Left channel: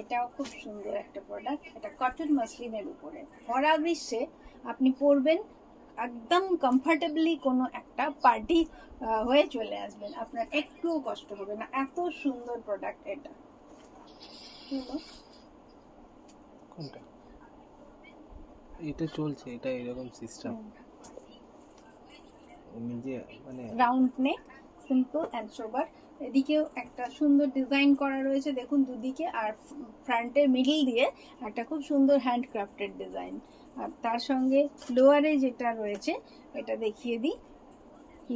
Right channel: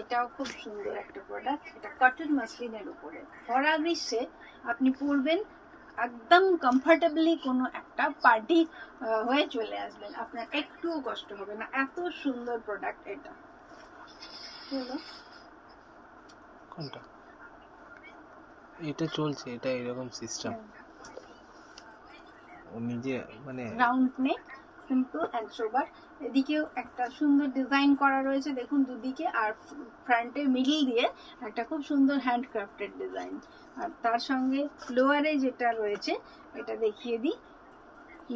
এটাও খুব সুন্দর একটা প্রোডাক্ট, এটা কটন মাসলিনের উপরে ভরা গ্রীষ্মে আপনি পরবেন, একদম কমফর্টেবলি কোনো একটা পার্টি হয়ে চলে আসবেন, আপনার একটুও কষ্ট হবে না, এত সুন্দর প্রোডাক্ট এটা। কোনটা? এটা চলছে, এটা এরকম সিস্টেম ও নিজে মানে রাউন্ড নেক, সিম্পল অ্যান্ড সোবার। এদিকেও একটা সুন্দর ডিজাইন করা রয়েছে দেখুন দুদিকে, আর ফ্রন্টে মিডল দিয়ে একটা খুব সুন্দর হ্যান্ডক্রাফটেড ডিজাইন। আর তার সঙ্গে লোয়ারে যেটা রয়েছে এটা দেখিয়ে দিই,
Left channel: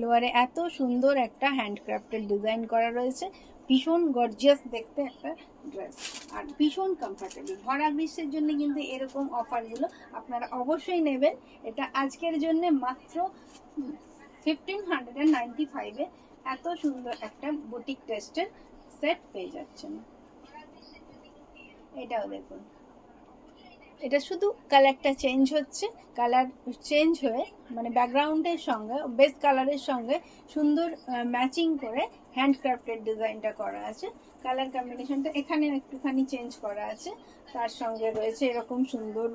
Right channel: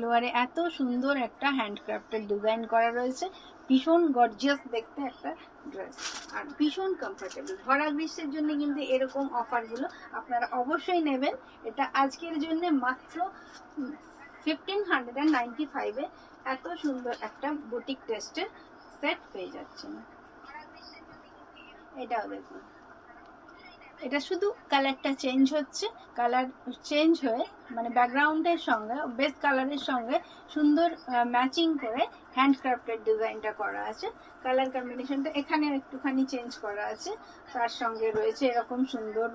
লোয়ারে এত সুন্দর একটা হ্যান্ডক্রাফটেড ডিজাইন করা রয়েছে, ভীষণ গর্জিয়াস দেখতে একটা ড্রেস, আর ভীষণ কমফর্টেবল। ভরা গ্রীষ্মের জন্য কিন্তু এরকম অফারগুলো আপনারা অবশ্যই নেবেন। এটা আজকের জন্য মাত্র 1595-এ এত সুন্দর একটা বুটিক টেস্টের সেট পেয়ে যাচ্ছেন। এটাও দেখুন, এটা শুধু কালারটা চেঞ্জ হচ্ছে, কালার চেঞ্জ হয়ে মানে ব্যাকগ্রাউন্ডের সঙ্গে বেস কালারের সঙ্গে সুন্দর ম্যাচিং করে হ্যান্ডক্রাফটেড ডিজাইনটা করা আছে। কালার কম্বিনেশনটা এখানে একটুখানি চেঞ্জ করা আছে। তার সঙ্গে রয়েছে এরকম সুন্দর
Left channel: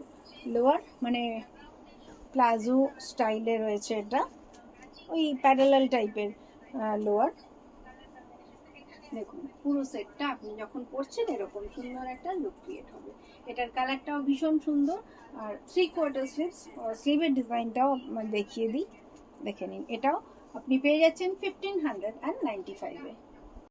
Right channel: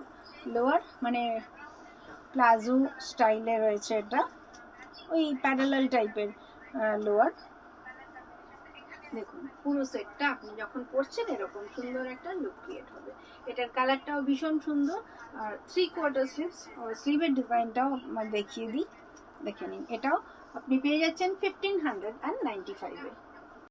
লোয়ার, মানে প্লাজো স্টাইলে রয়েছে, এটা ওই প্যারালাল টাইপের লোয়ার। দেখুন পুরো সেটটা আপনি যখন পরছেন এরকম সুন্দর একটা লুক ক্রিয়েট হবে। এটার কালারটাও ভীষণ সুন্দর, আর 3/4 স্লিভস, স্লিভের ডিজাইনটাও দেখিয়ে দিই, দেখে নিন। এটাও আপনি পেয়ে যাচ্ছেন 1595-এ।